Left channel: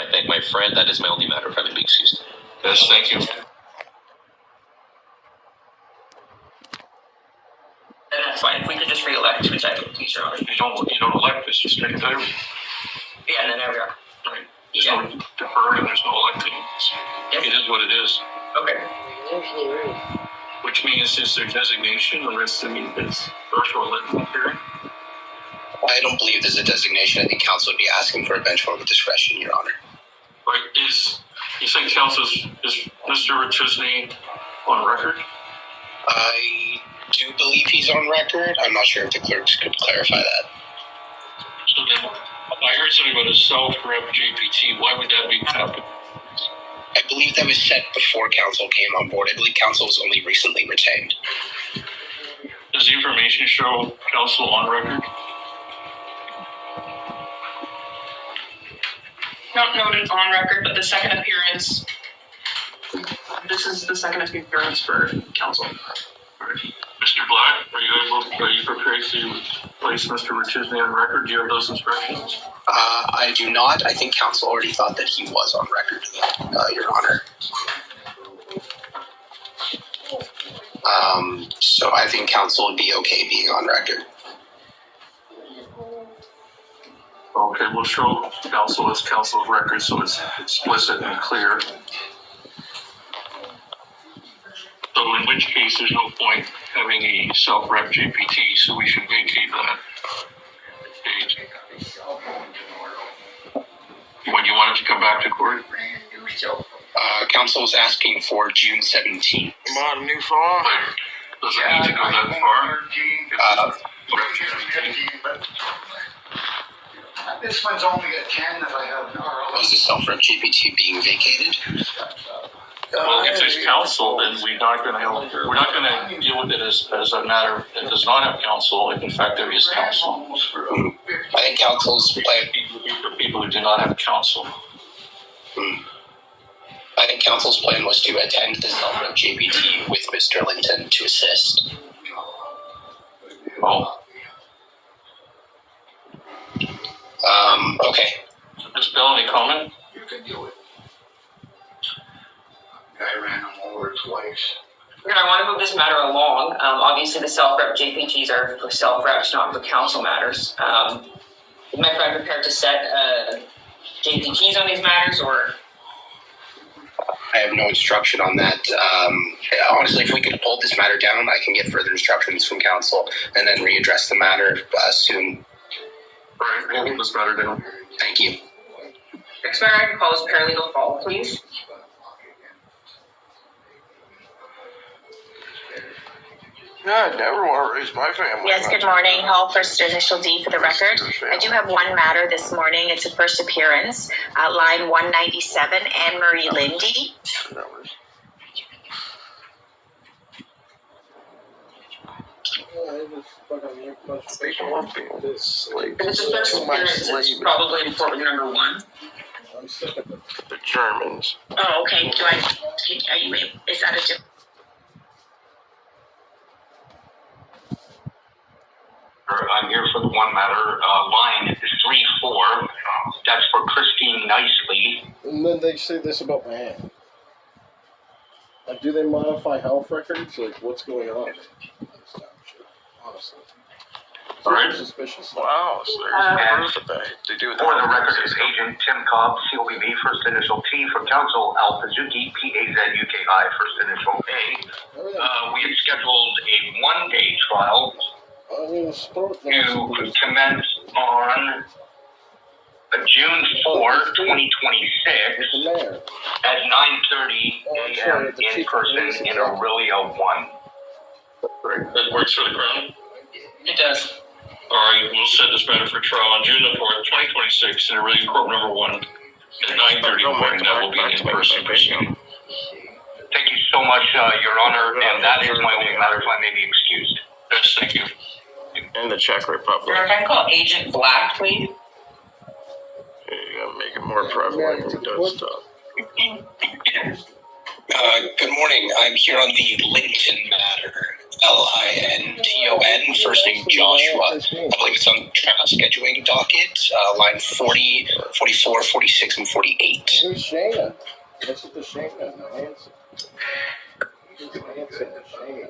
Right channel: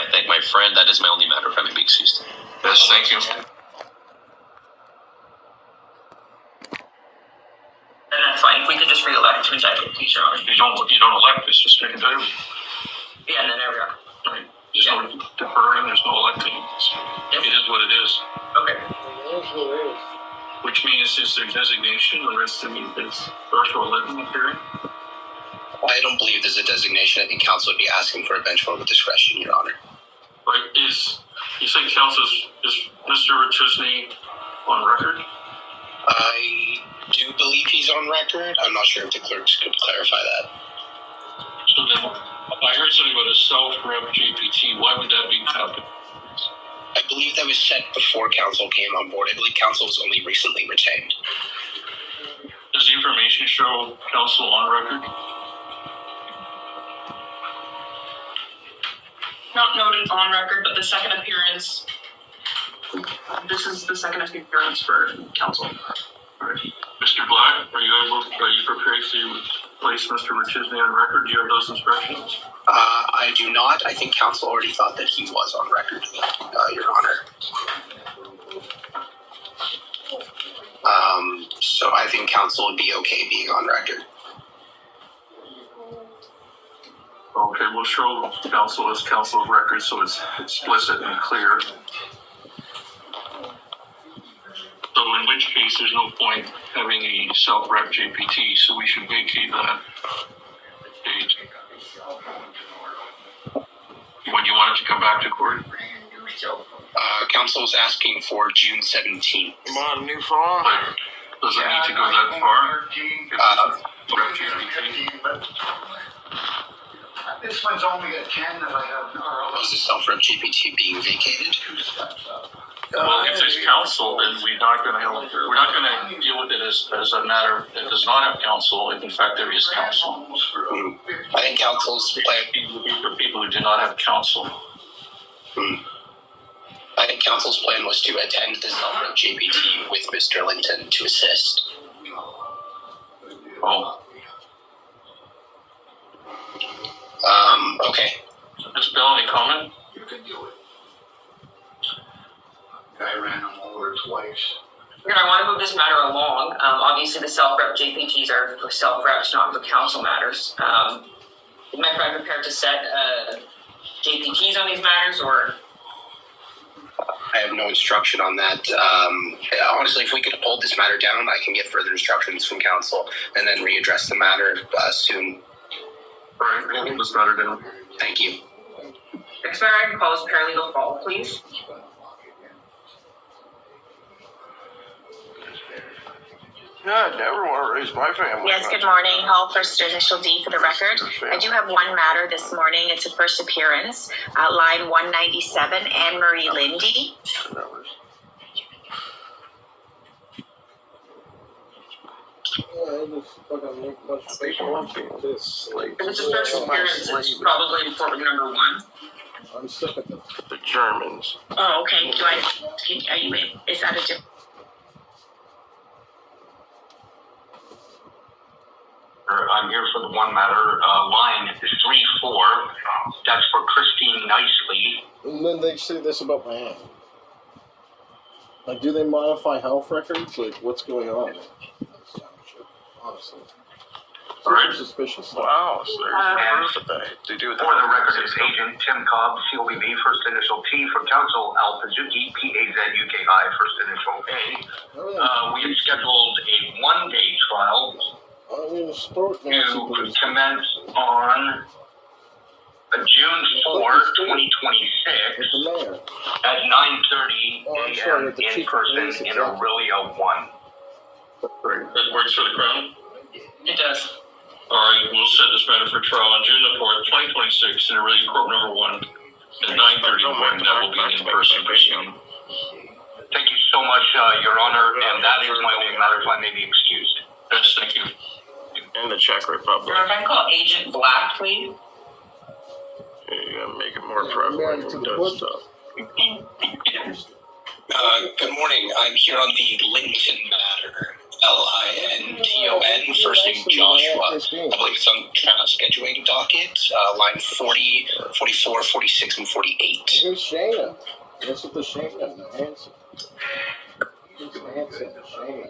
I thank my friend. That is my only matter, if I may be excused. Yes, thank you. And that's fine. If we could just re-elect to executive, please, Your Honor. You don't elect, it's just straight title. Yeah, and then there we are. Right. There's no deferring, there's no electing. Yep. It is what it is. Okay. Which means is there designation or is it's first or electing hearing? I don't believe there's a designation. I think council would be asking for a bench vote with discretion, Your Honor. Right, you say council is Mr. Richusney on record? I do believe he's on record. I'm not sure if the clerks could clarify that. So then, I heard something about a self-rep JPT. Why would that be happening? I believe that was set before council came on board. I believe council was only recently retained. Does the information show council on record? Not noted on record, but the second appearance. This is the second appearance for council. All right. Mr. Black, are you prepared to place Mr. Richusney on record? Do you have those instructions? I do not. I think council already thought that he was on record, Your Honor. So I think council would be okay being on record. Okay, we'll show council as council of record so it's explicit and clear. So in which case there's no point having a self-rep JPT, so we should vacate that page. When you want it to come back to court? Council was asking for June 17th. Come on, new phone. Does it need to go that far? This one's only at 10 that I have. Was the self-rep GPT being vacated? Well, if there's council, then we're not going to deal with it as a matter that does not have council. If in fact there is council. I think council's plan. For people who do not have council. I think council's plan was to attend the self-rep GPT with Mr. Linton to assist. Oh. Okay. Ms. Bell, any comment? You can do it. I ran them over twice. I want to move this matter along. Obviously, the self-rep JPTs are for self-reps, not for council matters. Is my friend prepared to set JPTs on these matters, or? I have no instruction on that. Honestly, if we could hold this matter down, I can get further instructions from council and then readdress the matter soon. All right, we'll hold this matter down. Thank you. Next matter, I can call as paralegal Paul, please. Yeah, I never want to raise my family. Yes, good morning. Hall, first initial D for the record. I do have one matter this morning. It's a first appearance. Line 197, Anne-Marie Lindy. If it's a first appearance, it's probably important number one. I'm sick of it. The Germans. Oh, okay. Are you in? Is that a different? I'm here for the one matter, line 3-4. That's for Christine Nicely. And then they say this about my aunt. Like, do they modify health records? Like, what's going on? Honestly. All right. Suspicious. Wow, so there's no proof that they do For the record is Agent Tim Cobb, COBB, first initial T, for counsel Al Pazuki, PAZUKI, first initial A. We had scheduled a one-day trial to commence on June 4, 2026 at 9:30 a.m. in person in Aurelia 1. Great. That works for the Crown? It does. All right, we'll set this matter for trial on June the 4th, 2026 in Aurelia Court number 1 at 9:30 morning. That will be an in-person proceeding. Thank you so much, Your Honor, and that is my only matter, if I may be excused. Yes, thank you. in the Czech Republic. If I can call Agent Black, please. You gotta make it more prevalent who does stuff. Good morning. I'm here on the Linton matter. Linton, first name Joshua. I believe it's on scheduling docket, line 40, 44, 46, and 48. Who's Shayna? What's with the Shayna? Hanson. Who's Hanson and Shayna?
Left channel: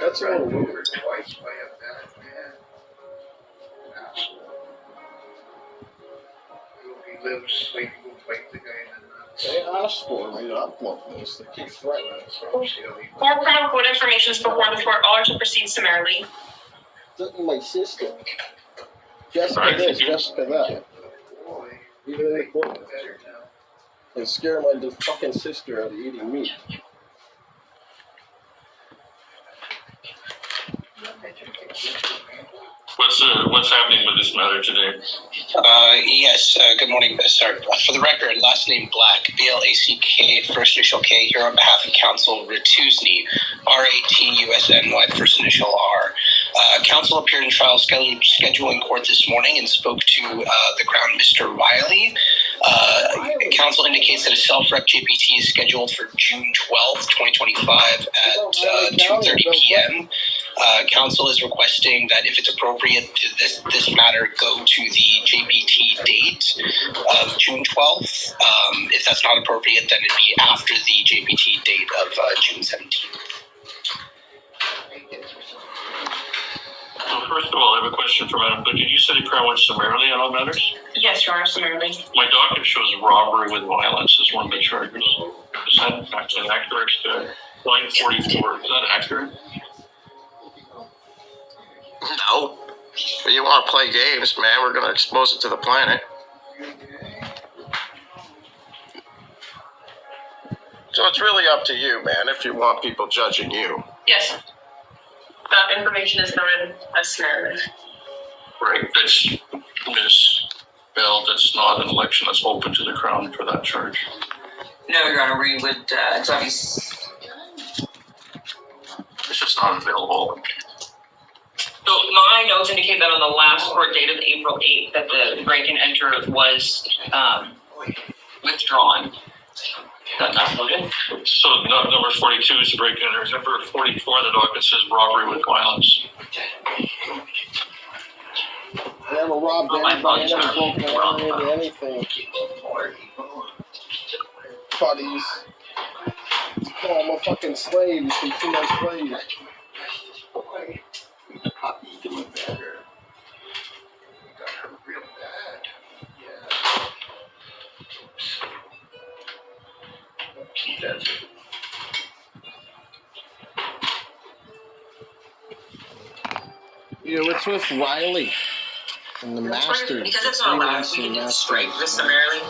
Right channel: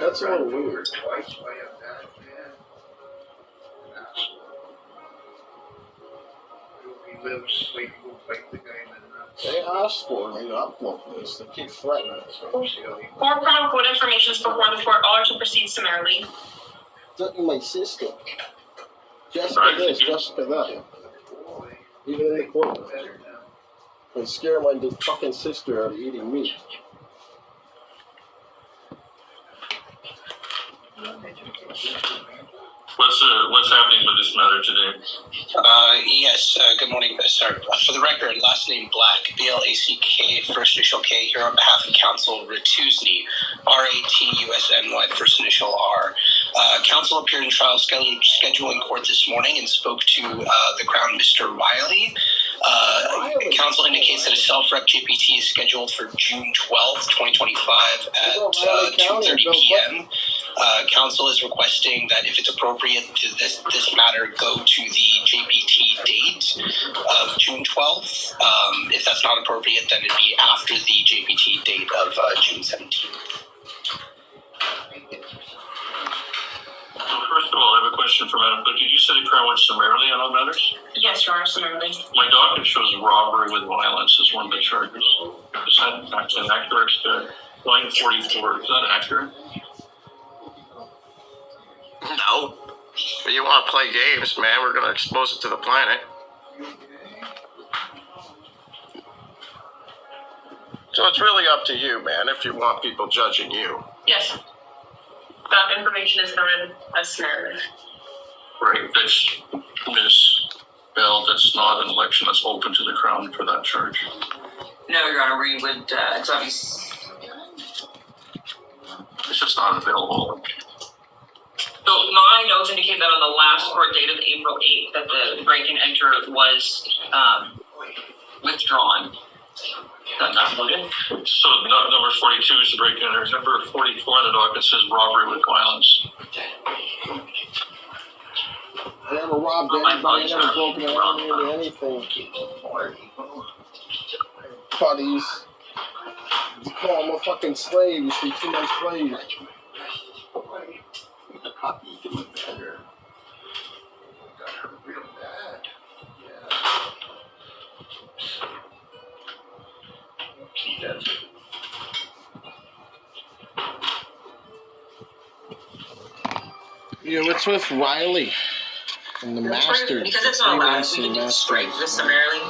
That's a little weird. They asked for me to upload this. They keep threatening us. More criminal court information is before the court. All are to proceed summarily. My sister. Jessica this, Jessica that. Even in the court. They scare my fucking sister out of eating meat. What's happening with this matter today? Yes, good morning, sir. For the record, last name Black, B-L-A-C-K, first initial K, here on behalf of counsel Ratusny, R-A-T-U-S-N-Y, first initial R. Counsel appeared in trial scheduling court this morning and spoke to the Crown, Mr. Riley. Counsel indicates that a self-rep GPT is scheduled for June 12th, 2025 at 2:30 p.m. Counsel is requesting that if it's appropriate to this matter go to the JPT date of June 12th. If that's not appropriate, then it'd be after the JPT date of June 17th. So first of all, I have a question for Madam Clerk. Did you say the Crown went summarily on all matters? Yes, Your Honor, summarily. My docket shows robbery with violence as one of the charges. Is that actually accurate? Line 44, is that accurate? No. But you want to play games, man, we're going to expose it to the planet. So it's really up to you, man, if you want people judging you. Yes. That information is noted as summarily. Right, that's Ms. Bell, that's not an election that's open to the Crown for that charge. No, Your Honor, we would, it's obvious. It's just not available. So my notes indicate that on the last court date of April 8th, that the break and enter was withdrawn. Is that not noted? So number 42 is the break in. Number 44 the docket says robbery with violence. I never robbed anybody, I never broke into anything. Buddies. Oh, I'm a fucking slave, you see, too much slave. Yeah, what's with Riley and the Masters? Because it's not allowed, we can strike this summarily.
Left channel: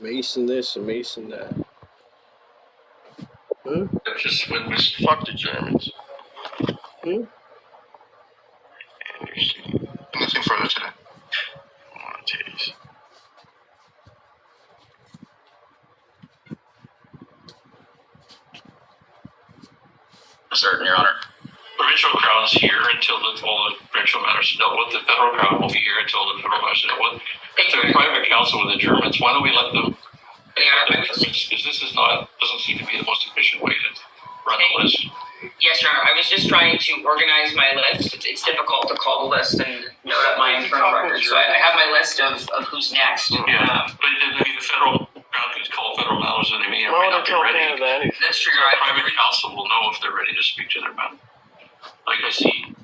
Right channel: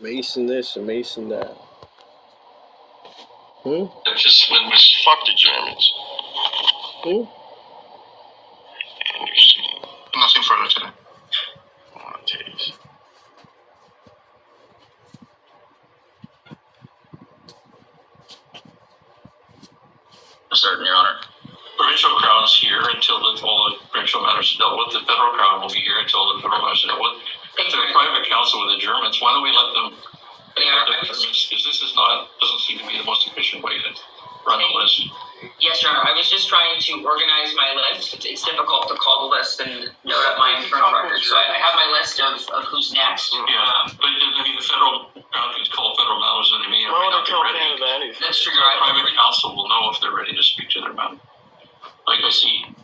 Mason this and Mason that. That's just been Fuck the Germans. nothing further today. Oh, titties. Certain, Your Honor. Provincial Crown's here until all the provincial matters are dealt with. The federal Crown will be here until the federal matters are dealt with. If they're in private counsel with the Germans, why don't we let them? Because this is not, doesn't seem to be the most efficient way to run the list. Yes, Your Honor, I was just trying to organize my list. It's difficult to call the list and note up my internal records. So I have my list of who's next. Yeah, but the federal Crown can call federal matters and they may or may not be ready. That's true, Your Honor. Private counsel will know if they're ready to speak to their matter. Like I see.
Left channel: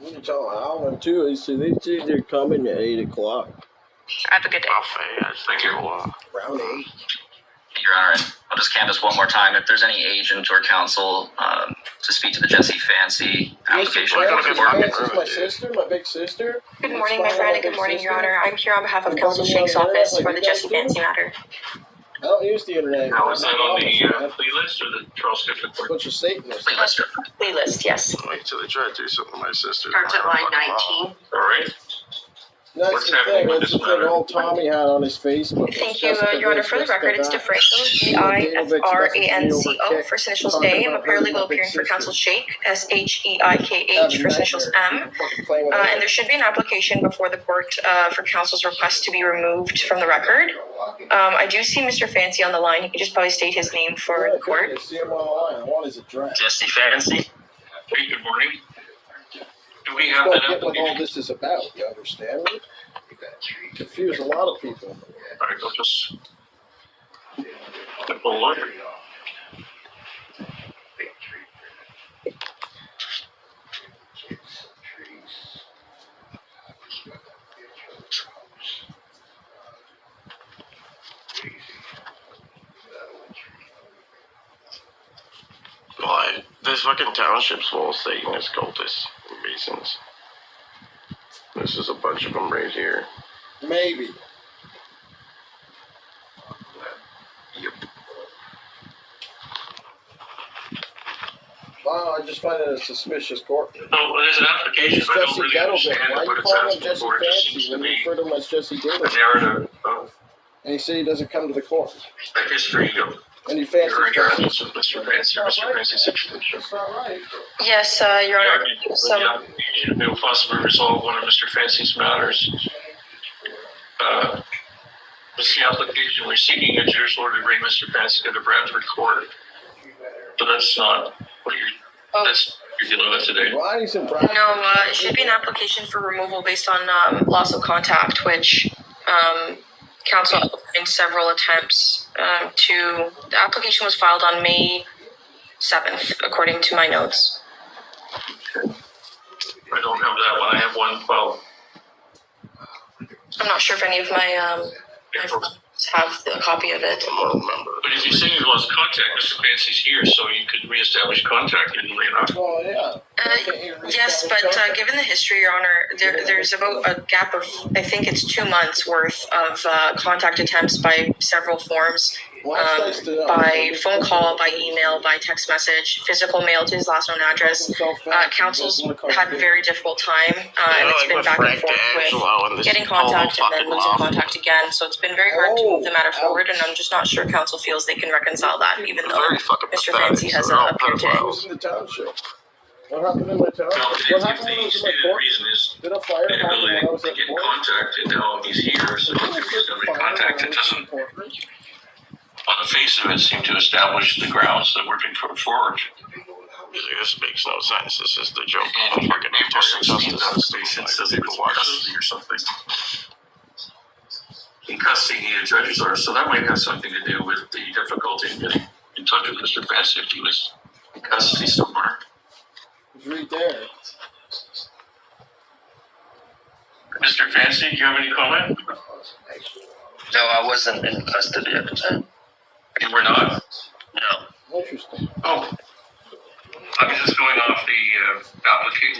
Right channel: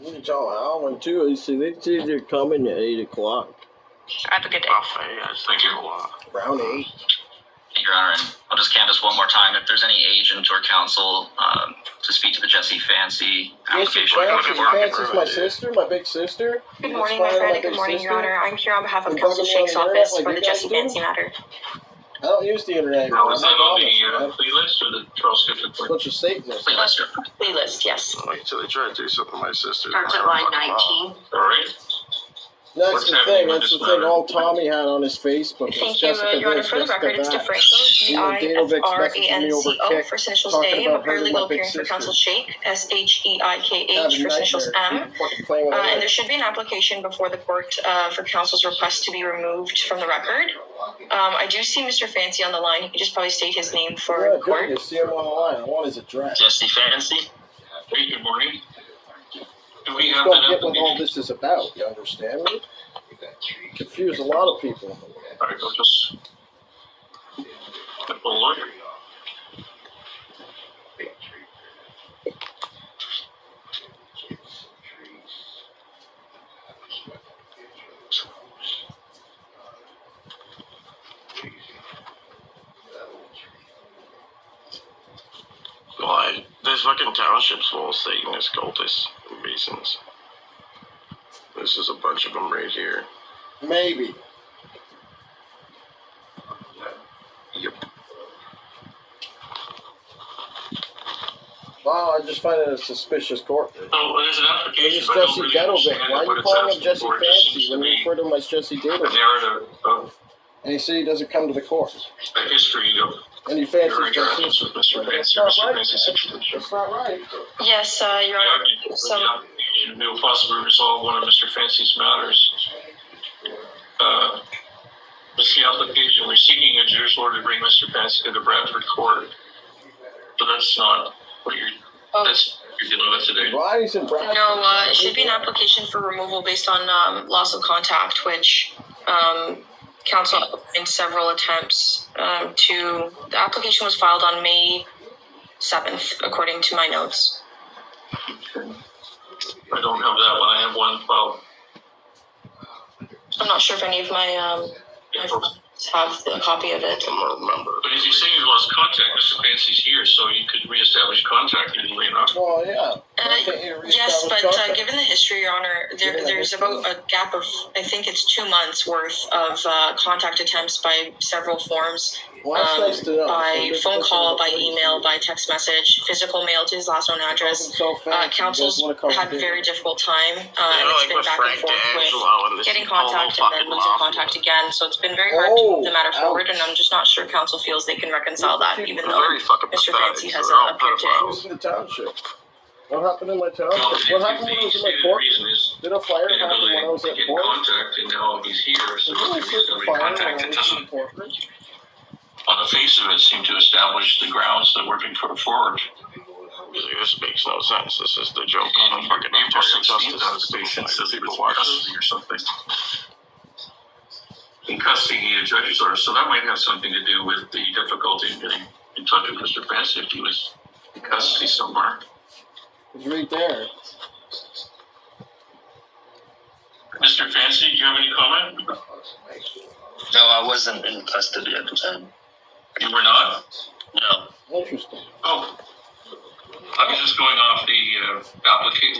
You can tell Alan too. They say they're coming at 8 o'clock. Have a good day. Thank you. Around 8. Your Honor, and I'll just canvass one more time. If there's any agent or counsel to speak to the Jesse Fancy application. Fancy's my sister, my big sister. Good morning, my friend. Good morning, Your Honor. I'm here on behalf of Counsel Shake's office for the Jesse Fancy matter. I don't use the internet. Now, is that on the plea list or the Charles District Court? Bunch of Satanists. Plea list. Plea list, yes. Wait till they try to do something to my sister. Starts at line 19. All right. That's What's the happening thing. with That's this the thing. matter? All Tommy had on his Facebook was Thank you, Jessica Your Honor. this, For the Jessica record, it's that. DeFranco, And then Danovic's messaging me over DIFRANCO, Kick, first initials talking Dame, a about her and my paralegal big appearing for sister. counsel Sheikh, SHEIKH, Having first initials nightmares. M. Fucking playing with And her. there should be an application before the court for counsel's request to be removed from the record. I do see Mr. Fancy on the line. He could just probably state his name for Yeah, the court. good. You see him on the line. I want his address. Jesse Fancy. Hey, good morning. Do we have Don't that get what all application? this is about. You understand me? Confuse a lot of people. All right, we'll just take a look. Why? This fucking township's full of Satanist cultists and Masons. This is a bunch of them right here. Maybe. Yep. Wow, I just find it a suspicious court. Oh, there's an application, It's but I don't Jesse really Gettlevic. understand Why are what you it's calling him asking Jesse for. It just Fancy seems when to you be refer to him as Jesse a Gettlevic? narrative of And he said he doesn't come to the court. a history of And he fancies your interactions with Mr. Fancy, Mr. Fancy's situation. That's not right. Yes, Your Honor. The application will possibly resolve one of Mr. Fancy's matters. This is the application. We're seeking a judicial order to bring Mr. Fancy to the Bradford court. But that's not what that's you're dealing with today. Why is it Bradford? No, it should be an application for removal based on loss of contact, which counsel in several attempts to. The application was filed on May 7th, according to my notes. I don't have that one. I have one filed. I'm not sure if any of my friends have a copy of it. I don't remember. But as you say, you lost contact. Mr. Fancy's here, so you could reestablish contact easily enough. Oh, yeah. Why can't you Yes, reestablish but contact? given the history, Your Honor, there's about a gap of, I think it's 2 months worth of contact attempts by several forms. Well, that's nice to know. By phone call, by email, by text message, physical mail to his last known address. Council's had a very difficult time, and it's been back and forth with getting contact and then losing contact again. So it's been very hard to move the matter forward, and I'm just not sure council feels they can reconcile that, even though Very fucking Mr. pathetic. Fancy has They're all appeared today. I was in the township. What happened in my township? Well, What happened when I was in my court? reason is Did a fire the happen ability when I was to at get in court? contact, and now he's here, so Did if a there's somebody fire when I contact, it was in doesn't, court? on the face of it, seem to establish the grounds that we're being put forward. This makes no sense. This is the joke And of the fucking Justin justice on the system. station Like, says he people was watch in this. custody or something. In custody, a judge's order, so that might have something to do with the difficulty in getting in touch with Mr. Fancy if he was in custody somewhere. It's right there. Mr. Fancy, do you have any comment? No, I wasn't in custody at the time. You were not? No. Interesting. Oh. I was just going off the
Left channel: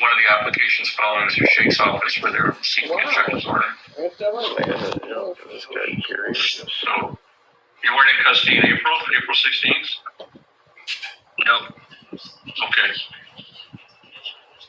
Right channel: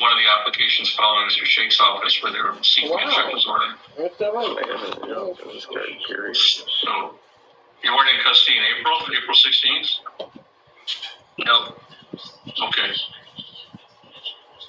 one of the applications filed in Mr. Sheikh's office where they're seeking a judge's order. What's that right? You know, this guy curious. So, you weren't in custody in April 16th? No. Okay.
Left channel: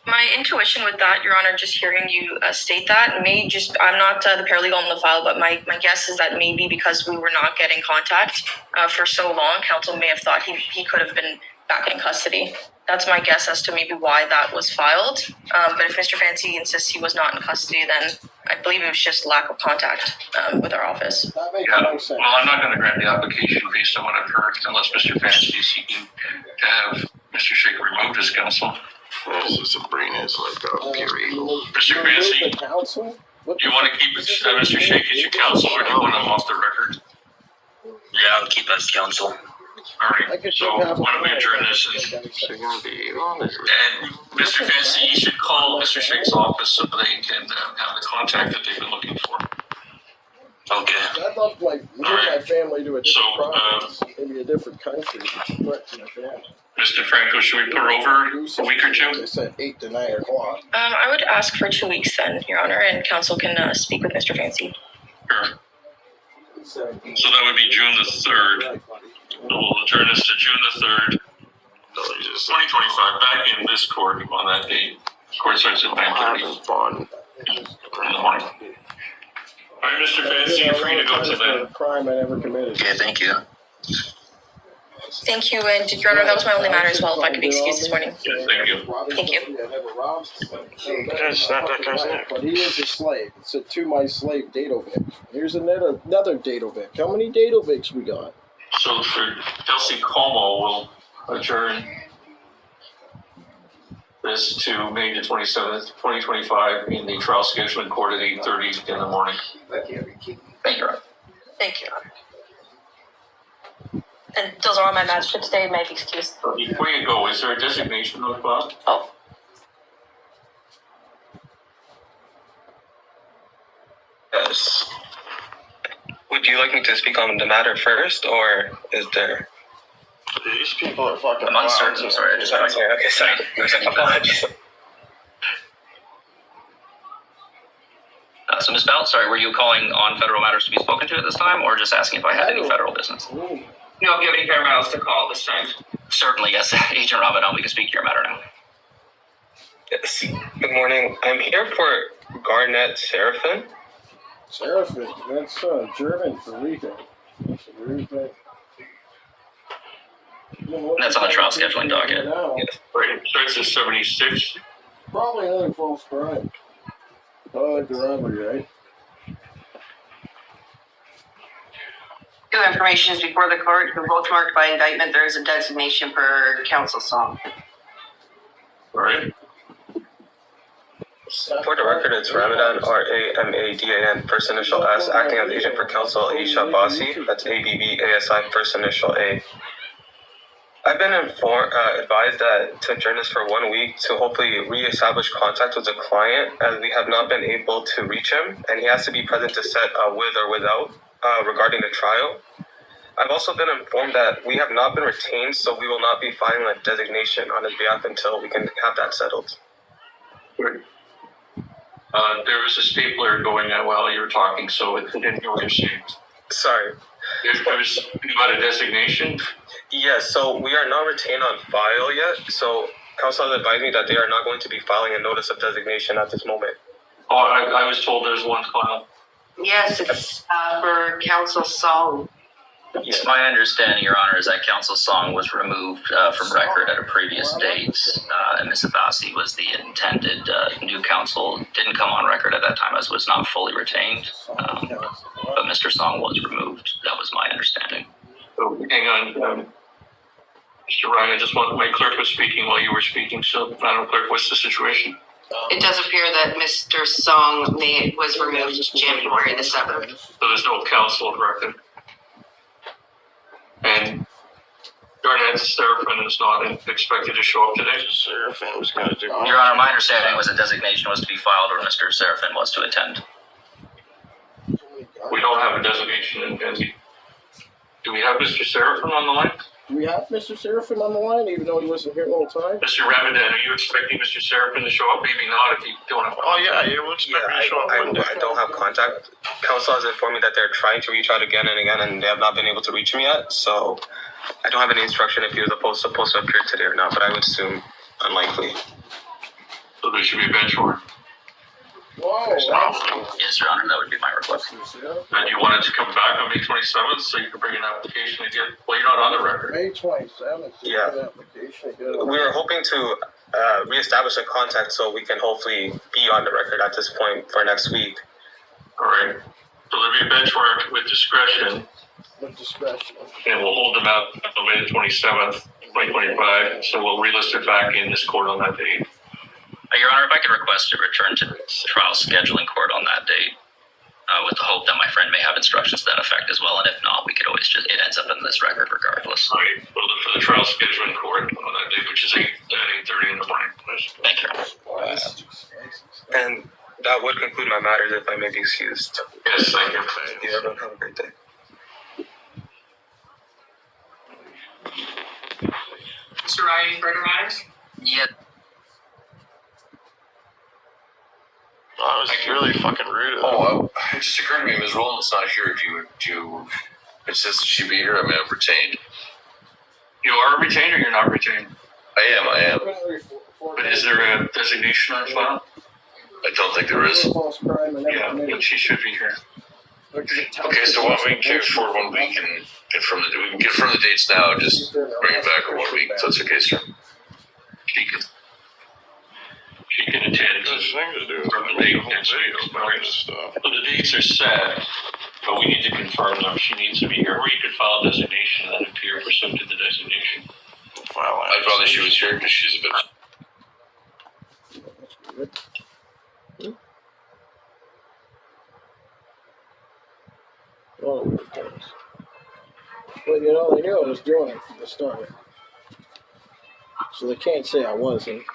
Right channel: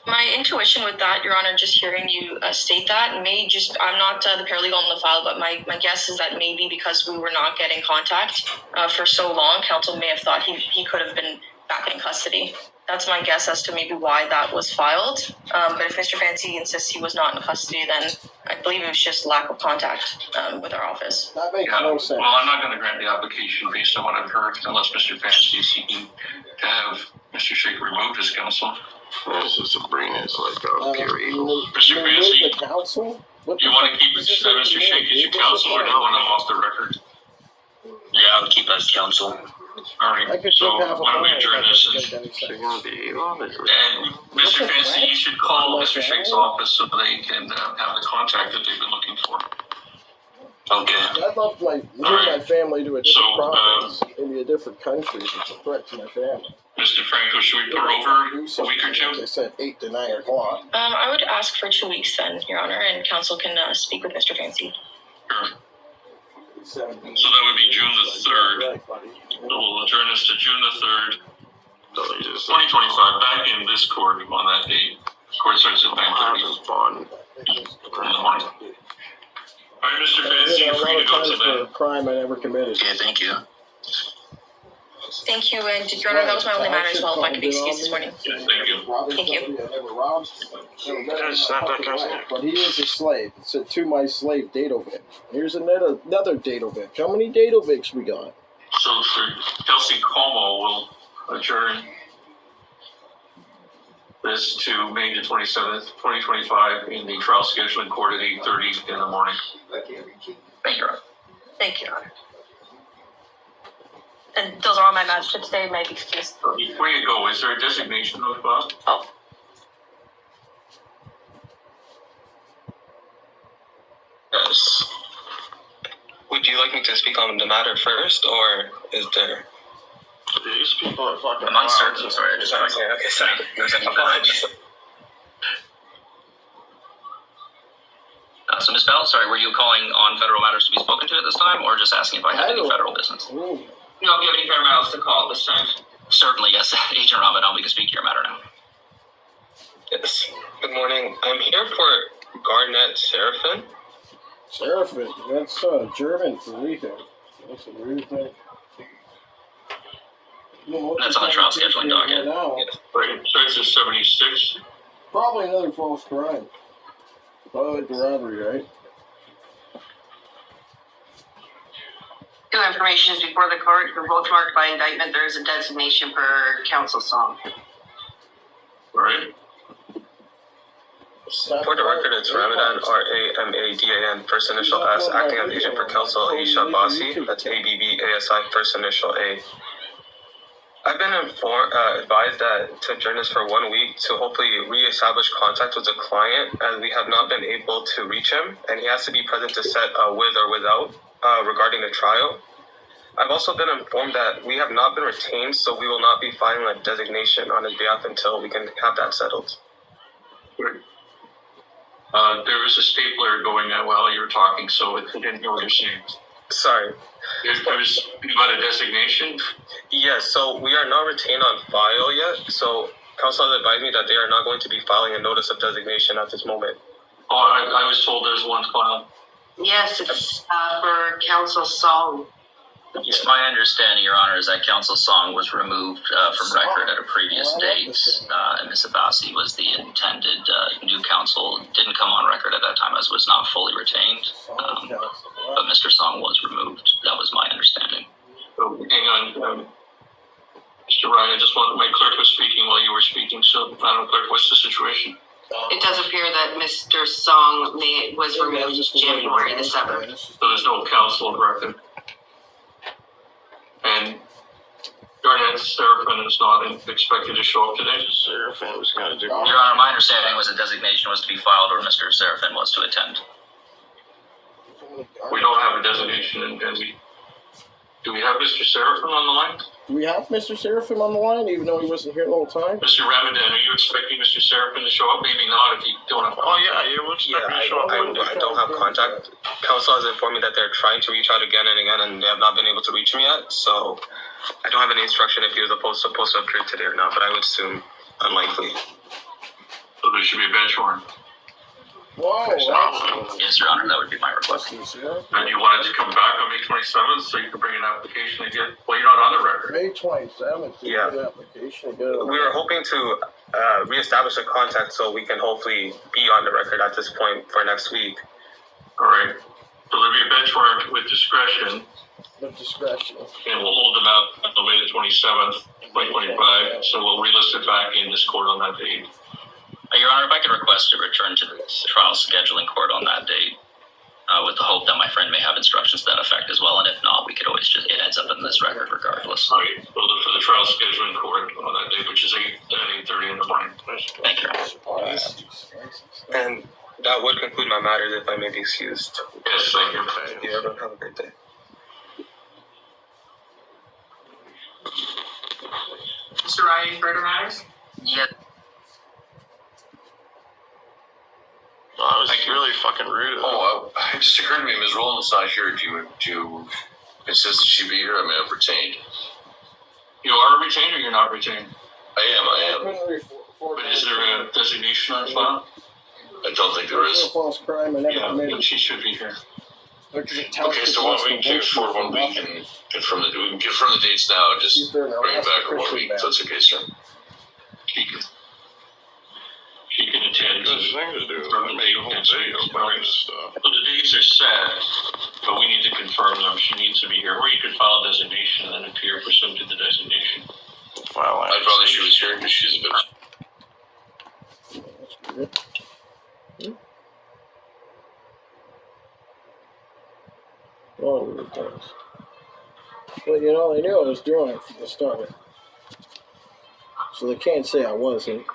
My intuition with that, Your Honor, just hearing you state that, I'm not the paralegal on the file, but my guess is that maybe because we were not getting contact for so long, counsel may have thought he could have been back in custody. That's my guess as to maybe why that was filed. But if Mr. Fancy insists he was not in custody, then I believe it was just lack of contact with our office. That makes Yeah. no sense. Well, I'm not going to grant the application based on what I've heard unless Mr. Fancy is seeking to have Mr. Sheikh removed as counsel. This is Sabrina's like a pure You evil. Mr. remove Fancy, the council? What do you the want fuck to keep is this thing? Mr. Sheikh as your counsel, or do you want him off the record? Yeah, I'll keep as counsel. All I right, could so take half a why don't we point. adjourn this? She's gonna be evil. And Mr. Fancy, you should call Mr. Sheikh's office so they can have the contact that they've been looking for. Okay. I'd love to move my family to a different So, province, maybe a different country. It's a threat to my family. Mr. Franco, should we put her over a week or two? They said 8 to 9 o'clock. I would ask for 2 weeks then, Your Honor, and counsel can speak with Mr. Fancy. Sure. So that would be June the 3rd. So we'll adjourn this to June the 3rd, 2025, back in this court on that date. Court starts at 9:30 Having fun. in the morning. Fancy, you're free to go to for a that. crime I never committed. Okay, thank you. Thank you, and Your Honor, that was my only matter as well, if I could be excused this morning. Yes, thank you. Thank you. I never robbed. That's not that guy's name. But he is a slave. It's a to my slave Dadovic. Here's another Dadovic. How many Dadovics we got? So for Kelsey Como will adjourn this to May the 27th, 2025 in the trial scheduling court at 8:30 in the morning. Thank you, Your Honor. Thank you, Your Honor. And those are all my matters for today, may I be excused. Before you go, is there a designation of Bob? Oh, Yes. Would you like me to speak on the matter first, or is there? These people are fucking. I'm uncertain, I'm sorry. I just Okay, sorry. There's any Apologies. So Ms. Bell, sorry, were you calling on federal matters to be spoken to at this time, or just asking if I had any federal business? Ooh. No, if you have any fair matters to call this time. Certainly, yes. Agent Ramadan, we can speak to your matter now. Yes. Good morning. I'm here for Garnett Seraphin. Seraphin. That's German for Rico. That's a weird thing. That's on the trial scheduling docket. Now. Yes. Right, starts at 76. Probably another false crime. Probably like the robbery, right? Two information is before the court, who both marked by indictment. There is a designation for counsel song. Right. For the record, it's Ramadan, R-A-M-A-D-A-N, first initial S, acting as agent for counsel Aisha Basi. That's A-B-B-A-S-I, first initial A. I've been advised that to adjourn this for 1 week to hopefully reestablish contact with the client, as we have not been able to reach him, and he has to be present to set with or without regarding the trial. I've also been informed that we have not been retained, so we will not be filing a designation on his behalf until we can have that settled. Right. There was a stapler going on while you were talking, so I didn't know what you're saying. Sorry. You got a designation? Yes, so we are not retained on file yet, so counsel has advised me that they are not going to be filing a notice of designation at this moment. Oh, I was told there's one filed. Yes, it's for counsel song. It's my understanding, Your Honor, is that counsel song was removed from record at a previous date, and Ms. Abbasi was the intended new counsel. Didn't come on record at that time as was not fully retained, but Mr. Song was removed. That was my understanding. So, hang on, Mr. Ryan, I just want, my clerk was speaking while you were speaking, so Madam Clerk, what's the situation? It does appear that Mr. Song was removed January the 7th. So there's no counsel of record. And Garnett Seraphin is not expected to show up today? Seraphin was going to do. Your Honor, my understanding was a designation was to be filed or Mr. Seraphin was to attend. We don't have a designation, and do we have Mr. Seraphin on the line? Do we have Mr. Seraphin on the line, even though he wasn't here the whole time? Mr. Ramadan, are you expecting Mr. Seraphin to show up? Maybe not if you don't have. Oh yeah, you would expect me to show up. I don't have contact. Counsel has informed me that they're trying to reach out again and again, and they have not been able to reach him yet. So I don't have any instruction if he was supposed to appear today or not, but I would assume unlikely. So there should be a bench warrant. Whoa, Yes, Your Honor, that would be my request. And you wanted to come back on May 27th so you could bring an application again? Well, you're not on the record. May 27th, Yeah. application. We were hoping to reestablish a contact so we can hopefully be on the record at this point for next week. All right. So there'll be a bench warrant with discretion, With discretion. and we'll hold them out until May the 27th, 2025. So we'll relist it back in this court on that date. Your Honor, if I could request to return to trial scheduling court on that date, with the hope that my friend may have instructions to that effect as well, and if not, we could always it ends up in this record regardless. All right. We'll look for the trial scheduling court on that date, which is 8:30 in the morning. Thank you, Your Honor. And that would conclude my matters if I may be excused. Yes, thank you. You everyone have a great day. Mr. Ryan, further matters? Yeah. Oh, it was really fucking rude. Oh, it just occurred to me, Ms. Rowland's not here. Do you insist that she be here? I mean, I'm retained. You are retained or you're not retained? I am. But is there a designation on file? I don't think there is. False crime and never Yeah, committed. then she should be here. Okay, so why don't we get for 1 week and confirm we can confirm the dates now, just bring it back for 1 week, if that's okay, sir. She can attend There's things to do. from the date The whole next week. video about this stuff. So the dates are set, but we need to confirm them. She needs to be here, or you could file a designation and then appear pursuant to the designation. File I'd rather she was here because she's a bit. Oh, weird things. But you know, they knew I was doing it from the start. So they can't say I wasn't.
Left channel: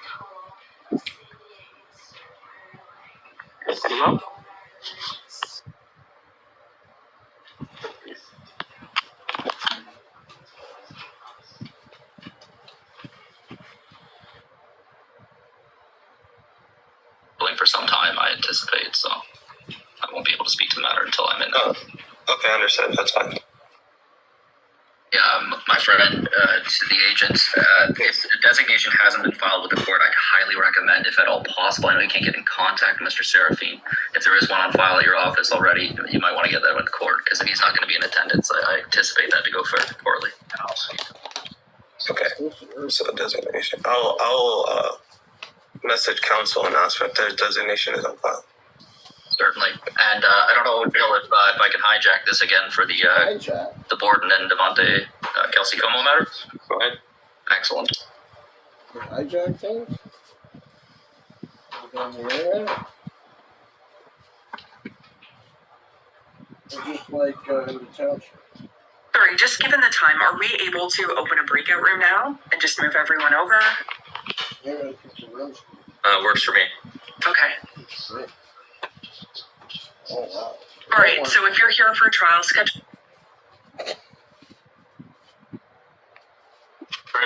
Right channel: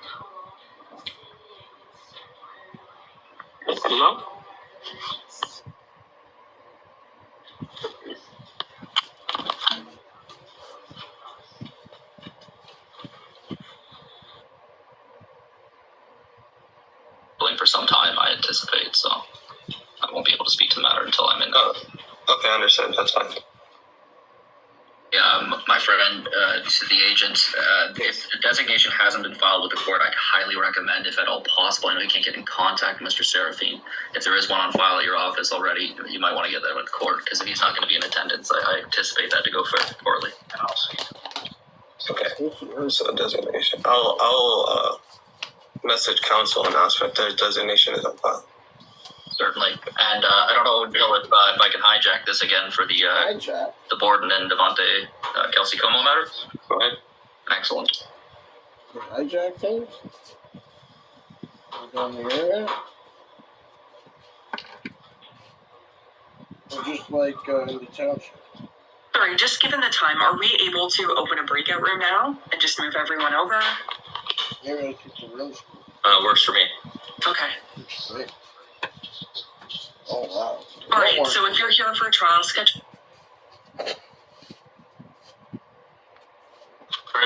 For some time, I anticipate, so I won't be able to speak to the matter until I'm in there. Oh, okay, understood. That's fine. Yeah, my friend, to the agent, if a designation hasn't been filed with the court, I'd highly recommend, if at all possible, I know you can't get in contact with Mr. Seraphine. If there is one on file at your office already, you might want to get that with court, because if he's not going to be in attendance, I anticipate that to go fairly poorly. Okay, so designation. I'll message council and ask if their designation is on file. Certainly. And I don't know, Bill, if I can hijack this again for the Borden and Devontae Kelsey Como matter. Go ahead. Excellent. Hijack things? On the internet? Or just like in the township? Sorry, just given the time, are we able to open a breakout room now and just move everyone over? Maybe I keep the rooms. Works for me. Okay. Great. Oh, wow. All right, so if you're here for a trial schedule. Alright,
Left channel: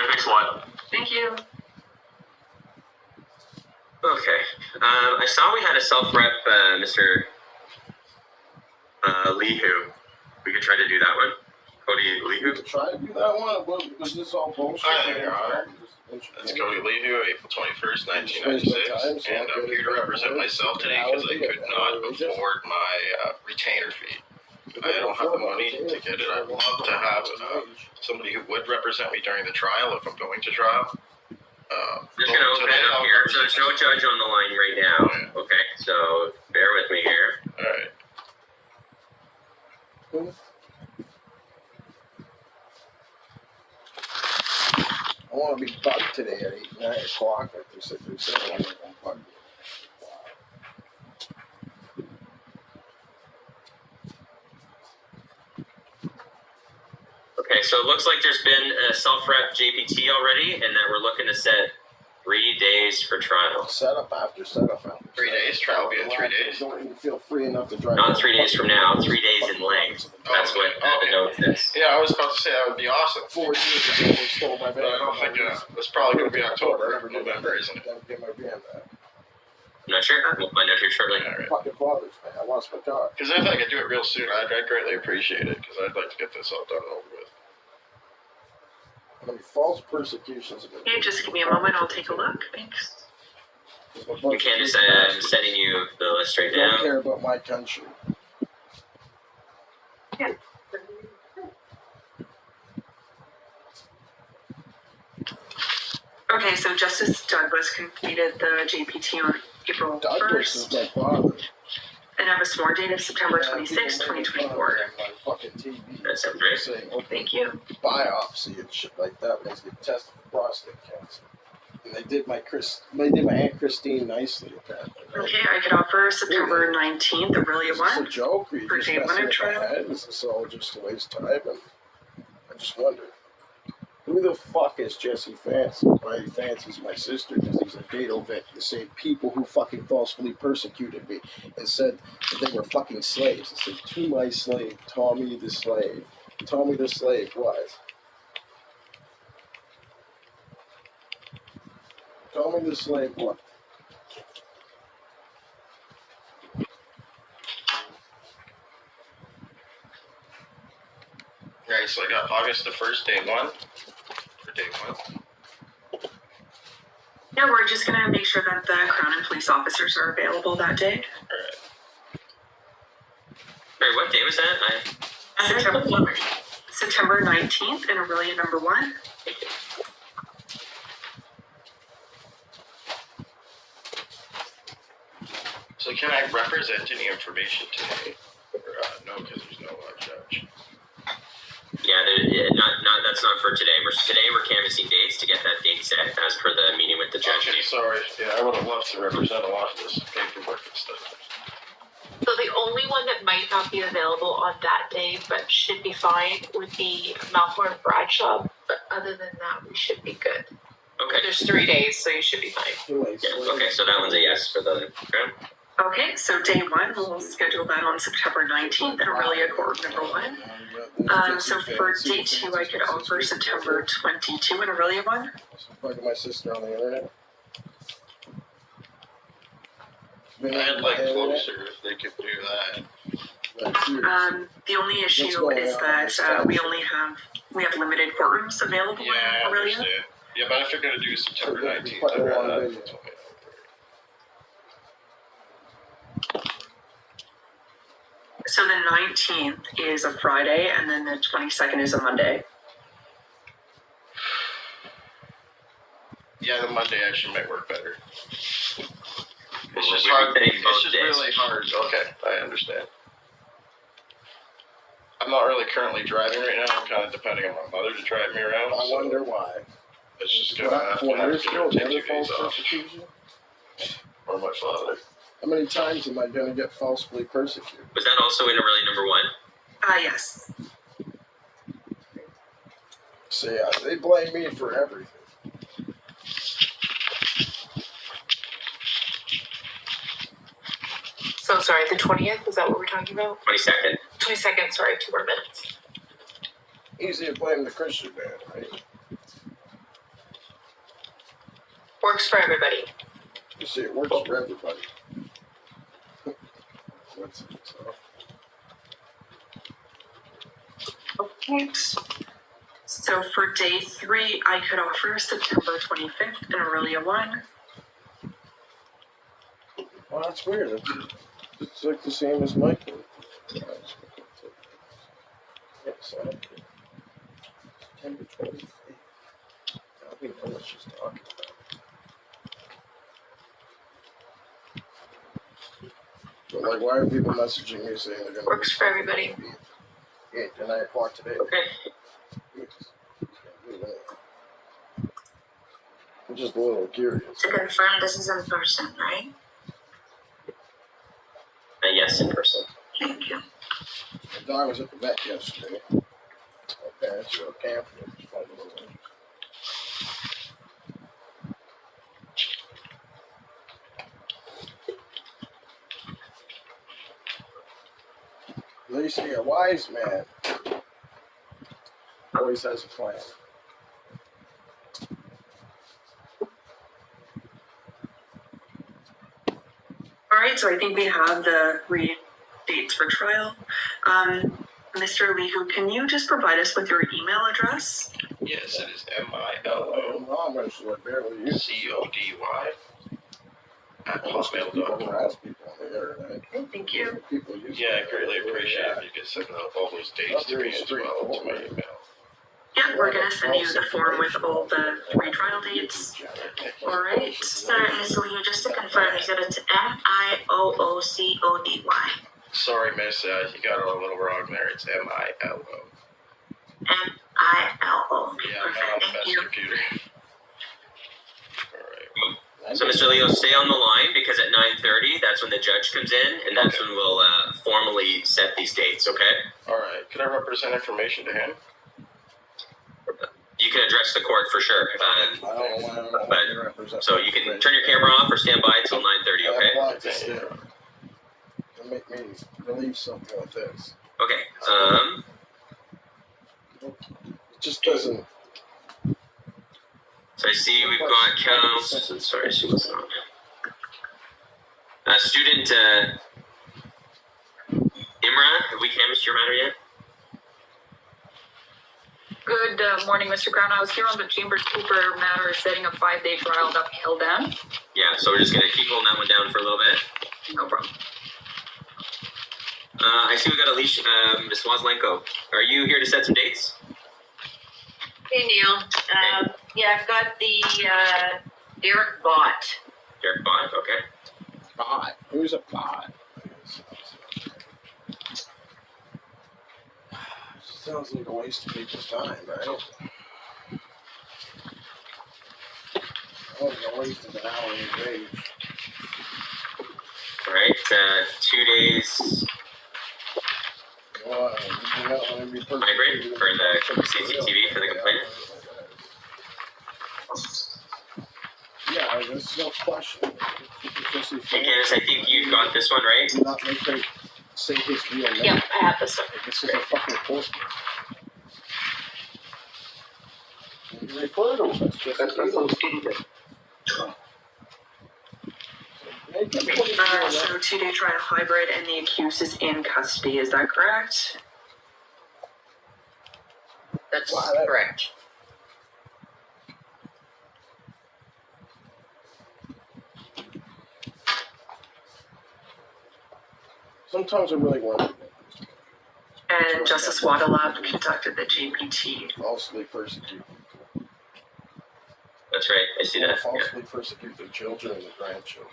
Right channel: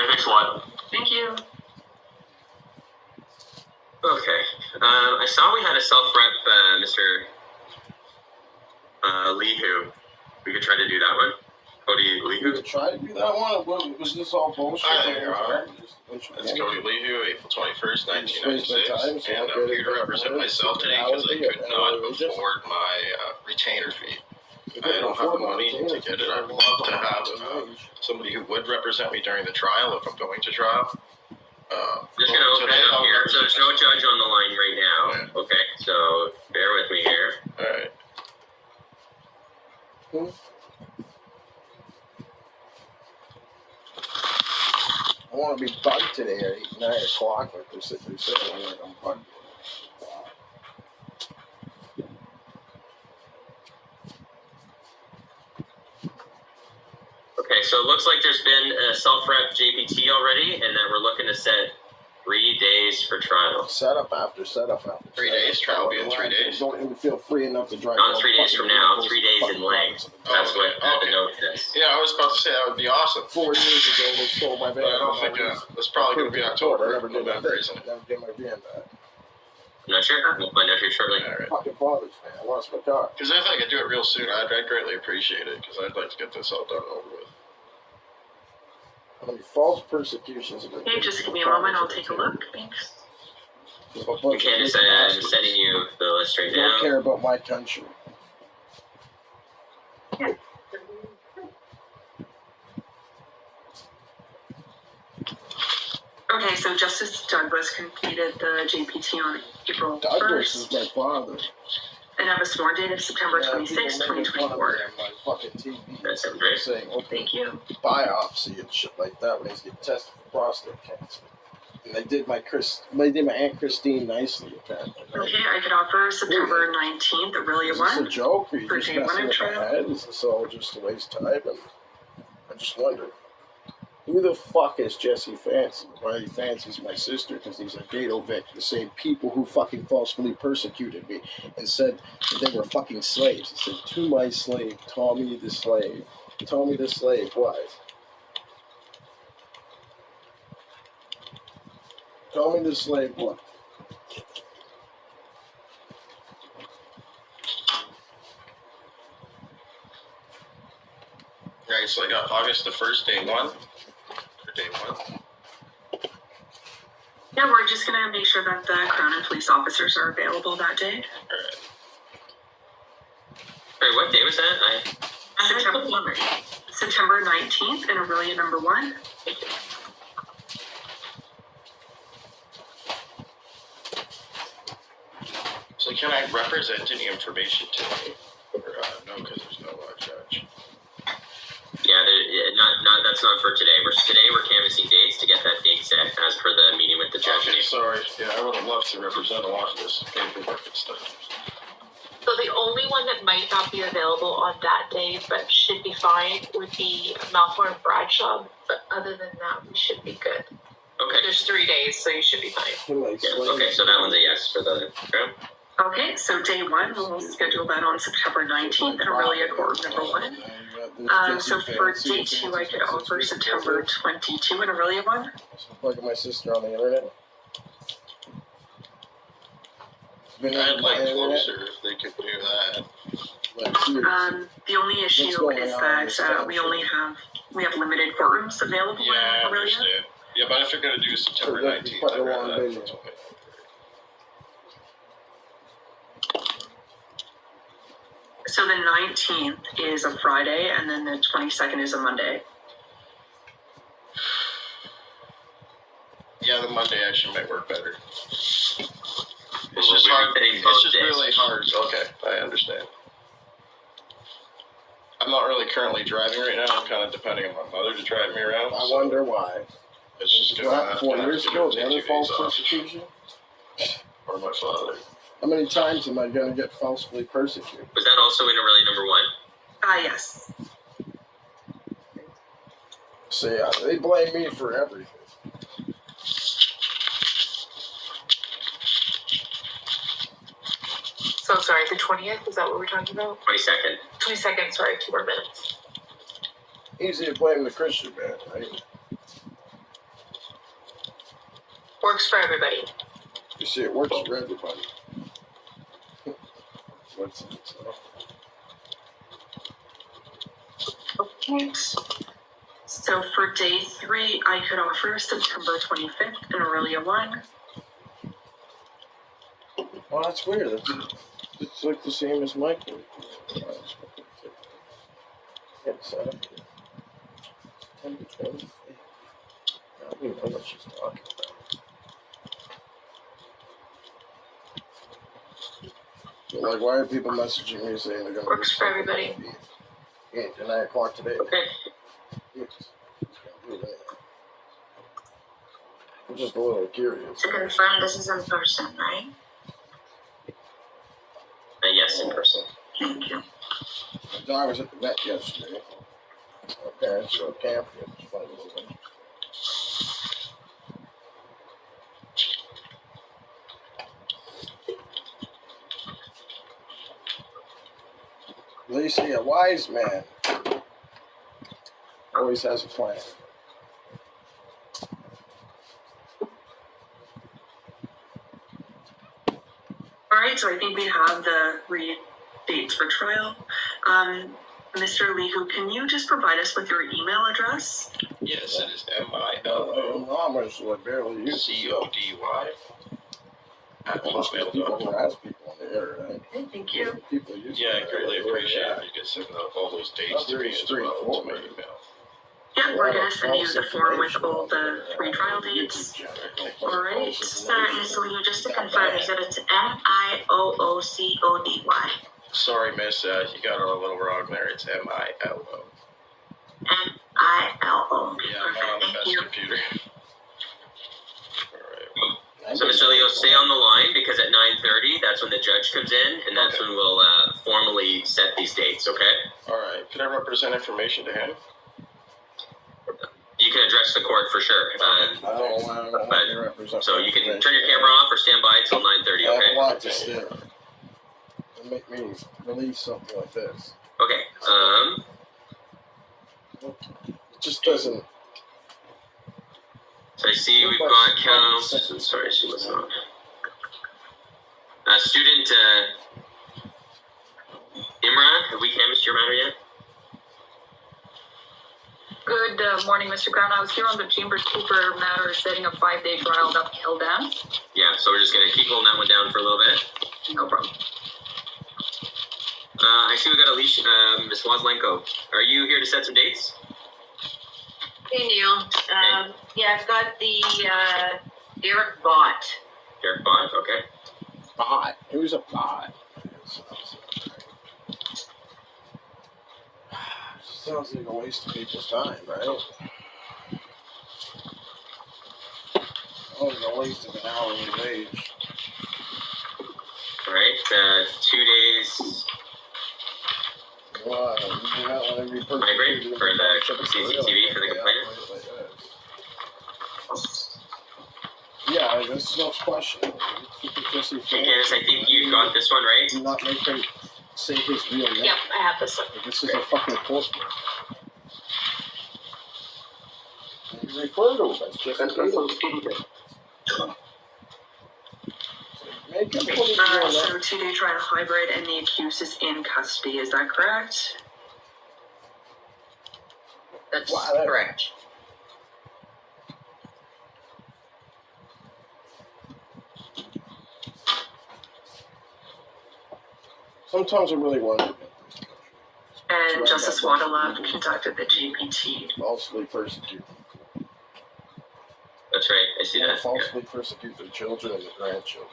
thanks a lot. Thank you. Okay. I saw we had a self-rep, Mr. Leehu. We could try to do that one. Cody We Leehu. could try to do that one. Was this all bullshit? Hi there, Your Honor. It's Cody Leehu, April 21st, 1996, and I'm here to represent myself today because I could not afford my retainer fee. I don't have the money to get it. I'd love to have somebody who would represent me during the trial if I'm going to trial. I'm just going to open it up here. So there's no judge on the line right now. Okay, so bear with me here. Alright. I want to be bugged today at 9 o'clock, like they said. I'm like, I'm bugged. Okay, so it looks like there's been a self-rep JPT already, and then we're looking to set 3 days for trial. Setup after setup after. 3 days, trial will be in 3 days. Don't even feel free enough to drive. Not 3 days from now, 3 days in length. That's what the note is. Yeah, I was about to say that would be awesome. 4 years ago, they stole my van. But I don't think it's probably going to be October, Never did November, that. isn't it? Never get my van back. I'm not sure. We'll find out here shortly. Alright. Fucking fathers, man. I lost my car. Because if I could do it real soon, I'd greatly appreciate it, because I'd like to get this all done and over with. I mean, false persecutions. Hey, just give me a moment. I'll take a look. Thanks. We can't just, I'm sending you the list right Don't now. care about my country. Yeah. Okay, so Justice Douglas completed the JPT on April Douglas 1st is my father. and have a SMOR date of September 26, 2024. Fucking TV. That sounds great. Saying, Thank you. biopsy and shit like that when he's getting tested for prostate cancer. And they did my Aunt Christine nicely, apparently. Right? Okay, I could offer September 19th, Aurelia Is this a 1. joke, or you For just day one messing of with my trial? head? Is this all just a waste of time? And I just wonder, who the fuck is Jesse Fancy? Why he fancies my sister? Because he's a dado Vic, the same people who fucking falsely persecuted me and said that they were fucking slaves. He said, to my slave, Tommy the slave. Tommy the slave was. Tommy the slave what? Alright, so I got August the 1st, day 1. For day 1. Yeah, we're just going to make sure that the Crown and police officers are available that day. Alright. Sorry, what day was that? September 19th in Aurelia number 1. So can I represent any information today? Or no, because there's no judge. That's not for today. We're canvassing dates to get that date set as per the meeting with the judge. Okay, sorry. Yeah, I would have loved to represent a lot of this paperwork and stuff. So the only one that might not be available on that day, but should be fine, would be Malcolm Bradshaw. But other than that, we should be good. Okay. There's 3 days, so you should be fine. Yeah, okay, so that one's a yes for the grant. Okay, so day 1, we'll schedule that on September 19th in Aurelia Court number 1. So for day 2, I could offer September 22 in Aurelia 1. Look my sister on the internet. I'd like closer if they could do that. The only issue is that we have limited courtrooms available Yeah, I in Aurelia. understand. Yeah, but if they're going to do September 19th, I'd rather that. Okay. So the 19th is a Friday, and then the 22nd is a Monday. Yeah, the Monday actually might work better. It's just we're hard. hitting It's both just days. really hard. Okay, I understand. I'm not really currently driving right now. I'm kind of depending on my mother to drive me around. I wonder why. It's just What happened 4 years ago? The take other 2 false days off. persecution? Or my father. How many times am I going to get falsely persecuted? Was that also in Aurelia number 1? Yes. So yeah, they blame me for everything. So sorry, the 20th, is that what we're talking about? 22nd. 22nd, sorry, 2 more minutes. Easy to blame the Christian man, right? Works for everybody. You see, it works for everybody. What's it? Okay. So for day 3, I could offer September 25th in Aurelia 1. Well, that's weird. It's like the same as my kid. Yes, I don't even know what she's talking about. But like, why are people messaging me saying they're gonna Works for everybody. Yeah, 9 o'clock today. Okay. Yes. I'm just a little curious. To confirm, this is in person, right? Yes, in person. Thank you. My dog was at the vet yesterday. My parents got a pamphlet. It's one of those things. They say a wise man always has a plan. All right, so I think we have the dates for trial. Mr. Lihu, can you just provide us with your email address? Yes, it is MILOCODY at People hotmail.com. harass people on the internet. Okay, thank you. People use Yeah, I greatly appreciate it. You can send out all those dates to me as well to my email. Yeah, we're gonna send you the form with all the 3 trial dates. All right. Sorry, Ms. Liu, just to confirm, you said it's MIOOCODY. Sorry, miss, you got it a little wrong there. It's MILO. MILO. Yeah, I'm not on the best computer. Alright. So Mr. Leo, stay on the line because at 9:30, that's when the judge comes in, and that's when we'll formally set these dates, okay? Alright, could I represent information to him? You can address the court for sure. I don't want to represent. So you can turn your camera off or stand by until 9:30, I have a okay? lot to say. To make me believe something like this. Okay. It just doesn't. So I see we've got counts. Sorry, she was on. Student Imra, have we canvassed your matter yet? Good morning, Mr. Crown. I was here on the Chambers Cooper matter, setting a 5-day trial that held down. Yeah, so we're just gonna keep holding that one down for a little bit. No problem. I see we got Alicia, Ms. Wozlenko. Are you here to set some dates? Hey Neil, yeah, I've got the, Derek Bott. Derek Bond, okay. Bot. Who's a bot? Sounds like a waste of people's time, right? A waste of an hourly wage. Alright, 2 days hybrid for the CCTV for the complainant. Yeah, that's no question. Hey Candace, I think you got this one, right? Do not make her say his real name. Yeah, I have this one. This is a fucking court. You refer to him as just an idiot. Make him put his real name. So 2-day trial hybrid and the accused is in custody, is that correct? That's correct. Sometimes I really wonder. And Justice Waddalab conducted the GPT. Falsely persecute. That's right, I see that. Falsely persecute their children and their grandchildren.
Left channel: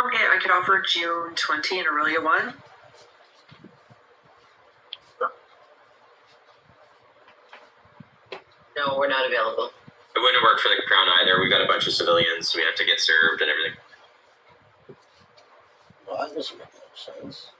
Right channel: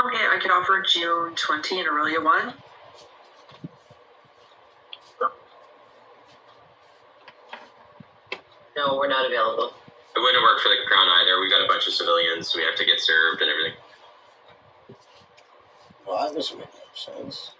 Okay, I could offer June 20 and Aurelia 1. No, we're not available. It wouldn't work for the Crown either. We got a bunch of civilians. We have to get served and everything. Well, that doesn't make no sense.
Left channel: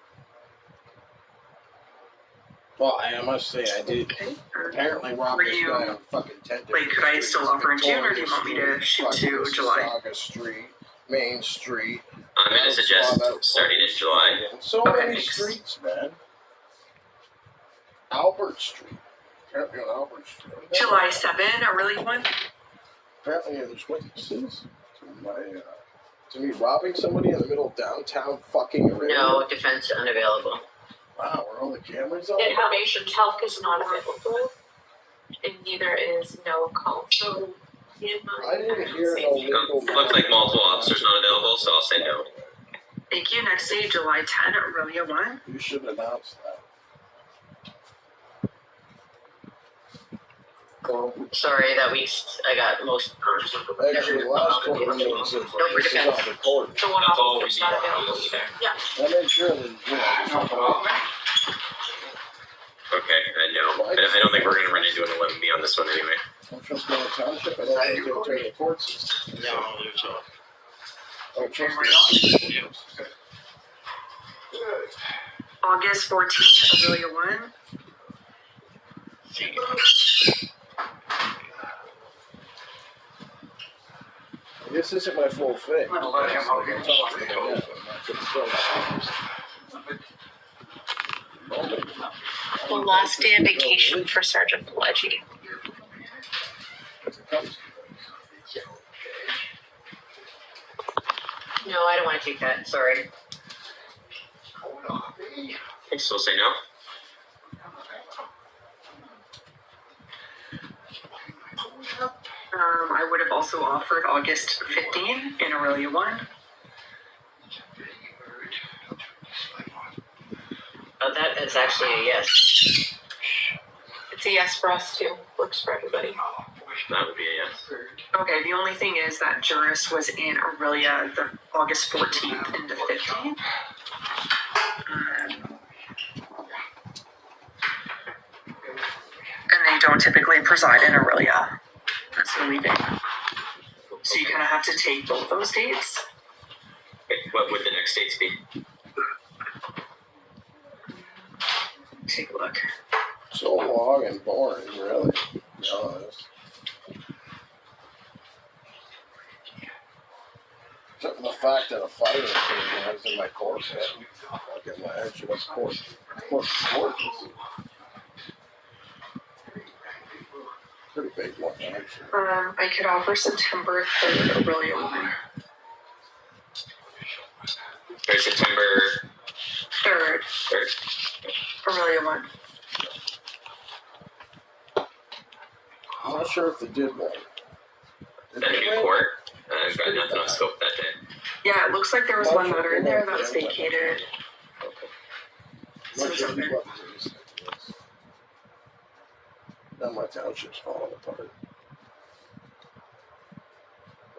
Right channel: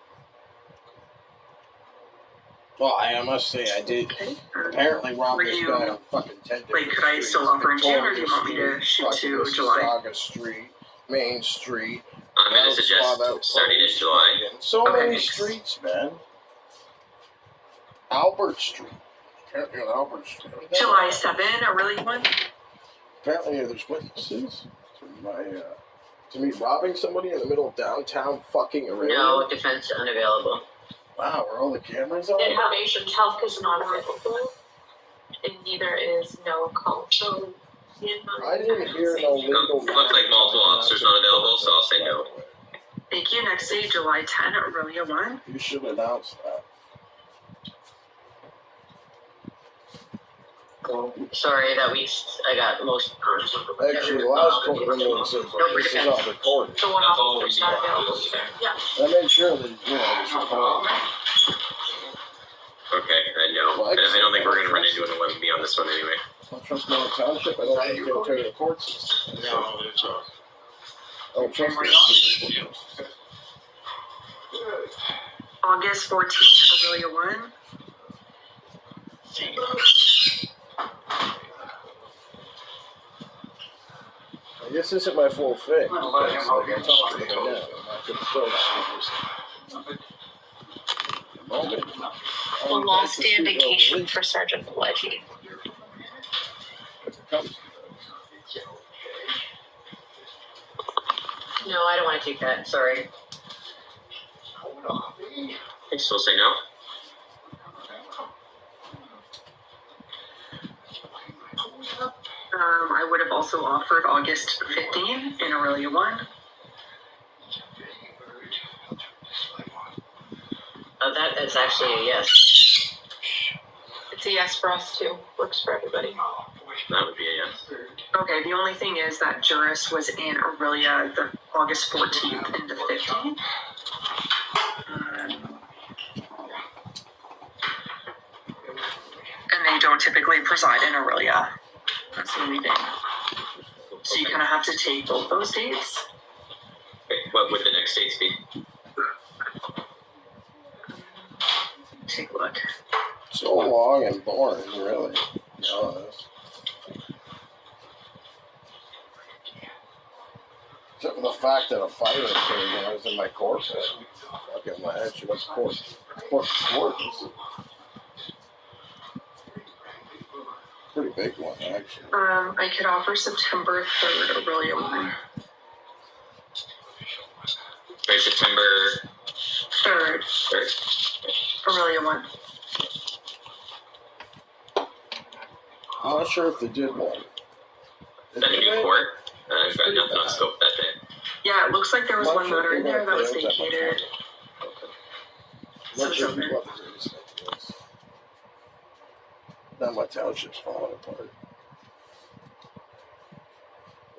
Well, I must say, I did apparently rob this guy on fucking 10 days. Wait, could I still offer in June, or do you want me to shoot to July? Saga Street, Main Street. I'm going to suggest starting in July. So Okay, many thanks. streets, man. Albert Street. Apparently on Albert Street. July 7, Aurelia 1. Apparently there's witnesses to me robbing somebody in the middle of downtown fucking Aurelia. No, defense unavailable. Wow, were all the cameras on? Information health is not available, and neither is Noah Call. So, I didn't hear no legal. Looks like multiple officers not available, so I'll say no. Thank you. Next day, July 10, Aurelia 1. You should announce that. Cool. Sorry, that week I got most. Actually, the last couple of meetings, this is off the court. the one officer's not available either. Yeah. I made sure that, just Okay, no. I don't think we're going to run into an 11B on this one anyway. I don't trust my township. I don't think they'll turn the court system. No, there's not. I don't trust it. August 14, Aurelia 1. This isn't my full thing. I'm not The last day of vacation for Sergeant Pileggi. No, I don't want to take that. Sorry. I still say no. I would have also offered August 15 in Aurelia 1. That is actually a yes. It's a yes for us too. Works for everybody. That would be a yes. Okay, the only thing is that Juris was in Aurelia the August 14th into 15th. And they don't typically preside in Aurelia. That's the only thing. So you kind of have to take both those dates. Okay, what would the next dates be? Take a look. So long and boring, really. To be honest. Except for the fact that a fire occurred when I was in my court. Fucking ledge of court. Pretty big one, actually. I could offer September 3rd, Aurelia 1. Right, September Sorry? Aurelia 1. I'm not sure if they did one. That a new court? I've got nothing on scope that day. Yeah, it looks like there was one matter in there that was vacated. So it's open. Now my township's falling apart.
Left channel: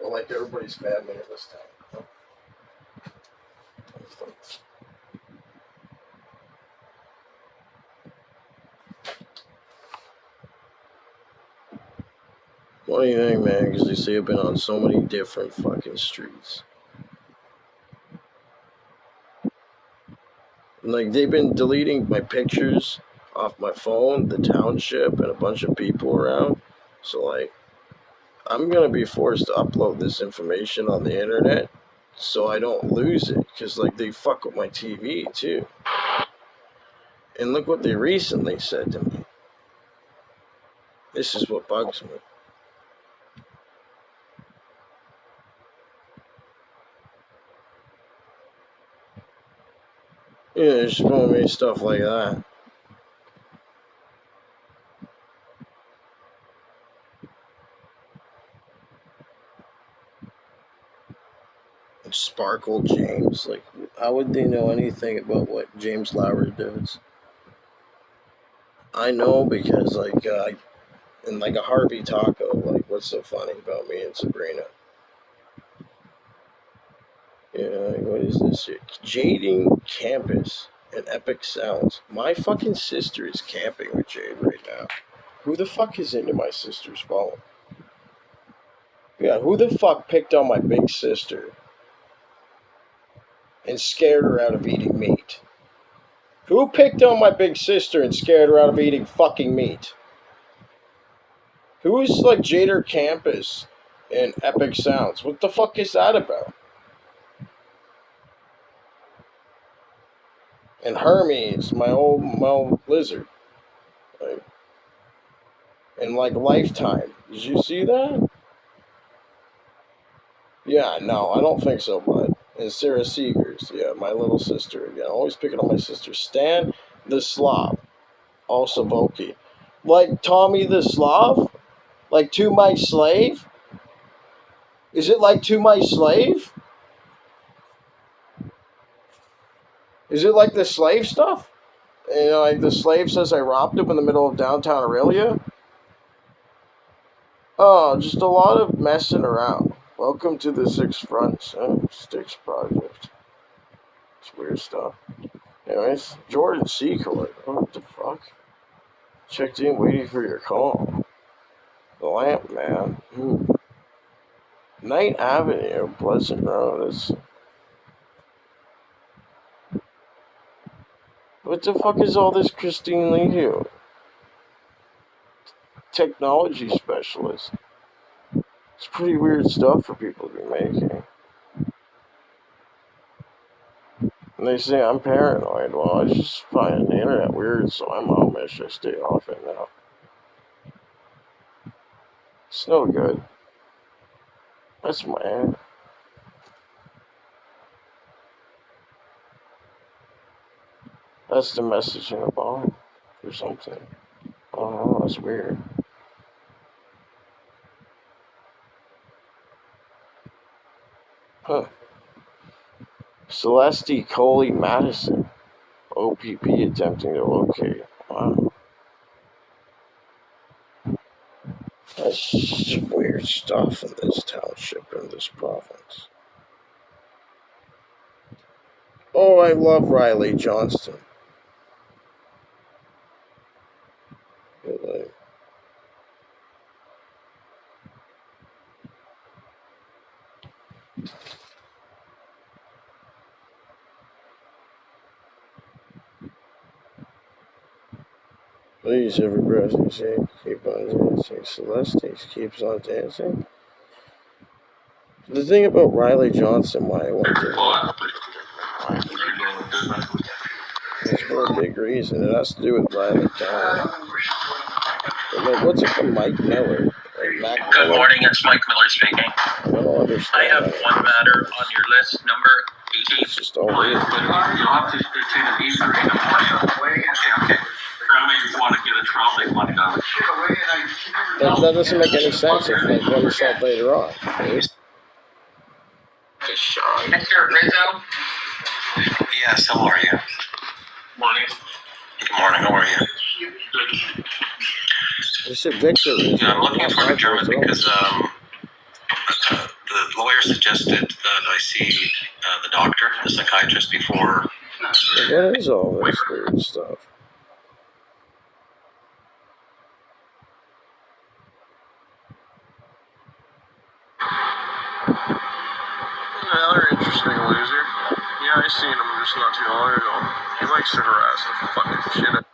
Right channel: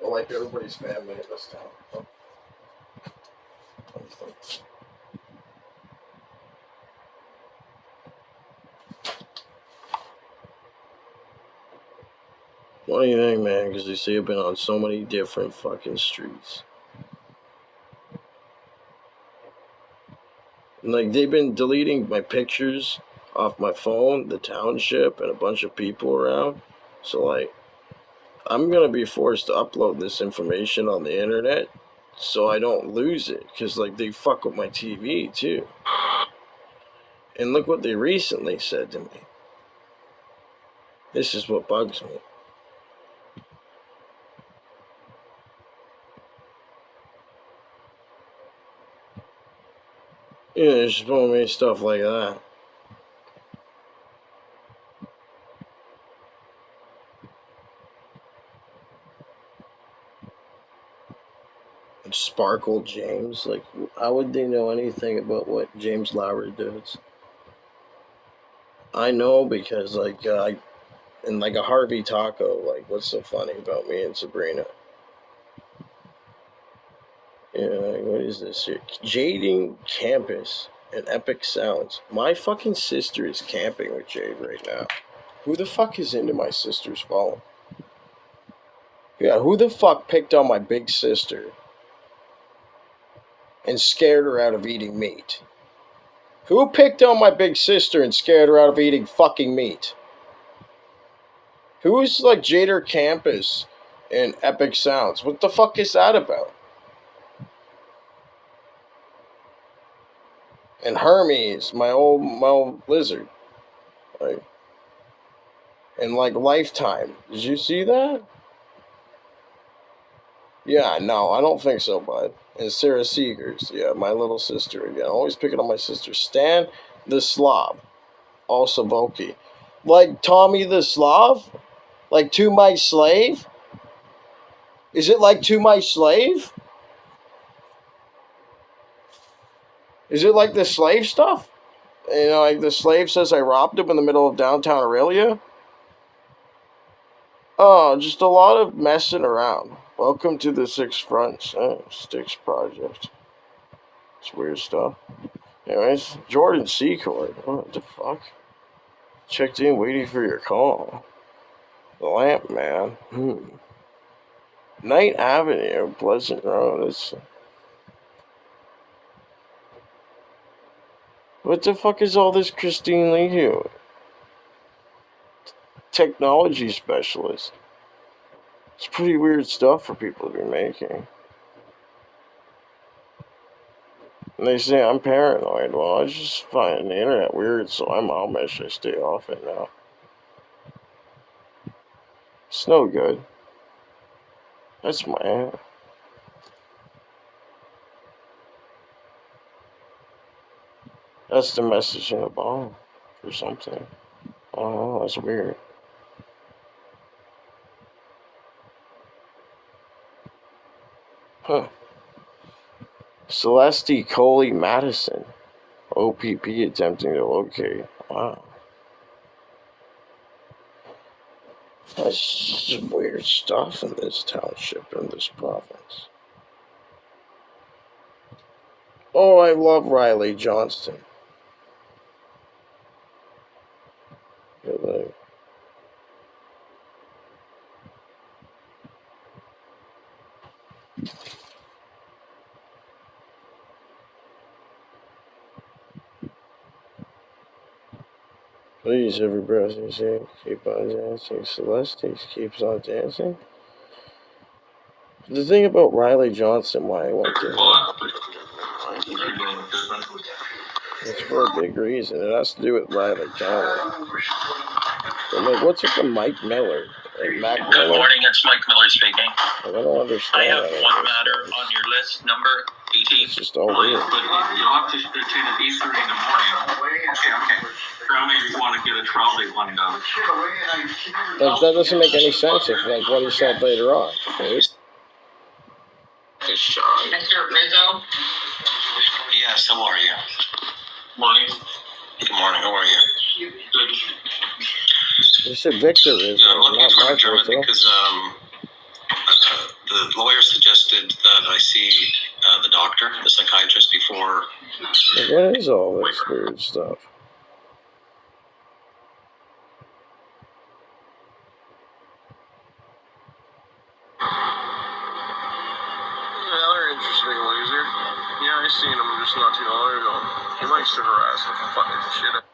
Well, like everybody's family in this town. What do you think, man? Because they say I've been on so many different fucking streets. Like, they've been deleting my pictures off my phone, the township, and a bunch of people around. So, like, I'm going to be forced to upload this information on the internet so I don't lose it. Because, like, they fuck with my TV, too. And look what they recently said to me. This is what bugs me. Yeah, they're just showing me stuff like that. Sparkle James, like, how would they know anything about what James Lowry does? I know because, like, in like a Harvey Taco, like, what's so funny about me and Sabrina? Yeah, like, what is this here? Jading Campus and Epic Sounds. My fucking sister is camping with Jade right now. Who the fuck is into my sister's phone? Yeah, who the fuck picked on my big sister and scared her out of eating meat? Who picked on my big sister and scared her out of eating fucking meat? Who's like Jader Campus and Epic Sounds? What the fuck is that about? And Hermes, my old lizard. Like, and like Lifetime. Did you see that? Yeah, no, I don't think so, bud. And Sarah Seegers, yeah, my little sister again. Always picking on my sister. Stan the Slav. Also Volky. Like Tommy the Slav? Like To My Slave? Is it like To My Slave? Is it like the slave stuff? You know, like the slave says I robbed him in the middle of downtown Aurelia? Oh, just a lot of messing around. Welcome to the Six Fronts Sticks Project. It's weird stuff. Anyways, Jordan Secord. What the fuck? Checked in waiting for your call. The Lamp Man. Night Avenue, Pleasant Road. What the fuck is all this Christine Lee here? Technology specialist. It's pretty weird stuff for people to be making. And they say I'm paranoid. Well, I just find the internet weird, so I'm Amish. I stay off it now. It's no good. That's my aunt. That's the message in the bomb or something. Oh, that's weird. Huh. Celeste Coley Madison. OPP attempting to locate. Wow. That's just weird stuff in this township, in this province. Oh, I love Riley Johnston. Like, please, every breath you say, keep on dancing. Celeste keeps on dancing. The thing about Riley Johnson, why I want to, it's for a big reason. It has to do with Riley County. But like, what's up with Mike Miller? Like Mac Miller? Good morning, it's Mike Miller speaking. I don't understand. I have one matter on your list, number JPT. It's just all weird. But you'll have to attend at 8:30 in the morning. Okay. Family, if you want to get a trial date locked down. Like, that doesn't make any sense if, like, what he said later on. Dude. Mr. Rizzo? Yes, how are you? Morning. Good morning, how are you? Good. They said Victor is. I'm looking not for Mark adjournment Rizzo. because the lawyer suggested that I see the doctor, the psychiatrist, before. Like, what is all this weird stuff? Another interesting loser. Yeah, I seen him just not too long ago. He likes to harass the fucking shit out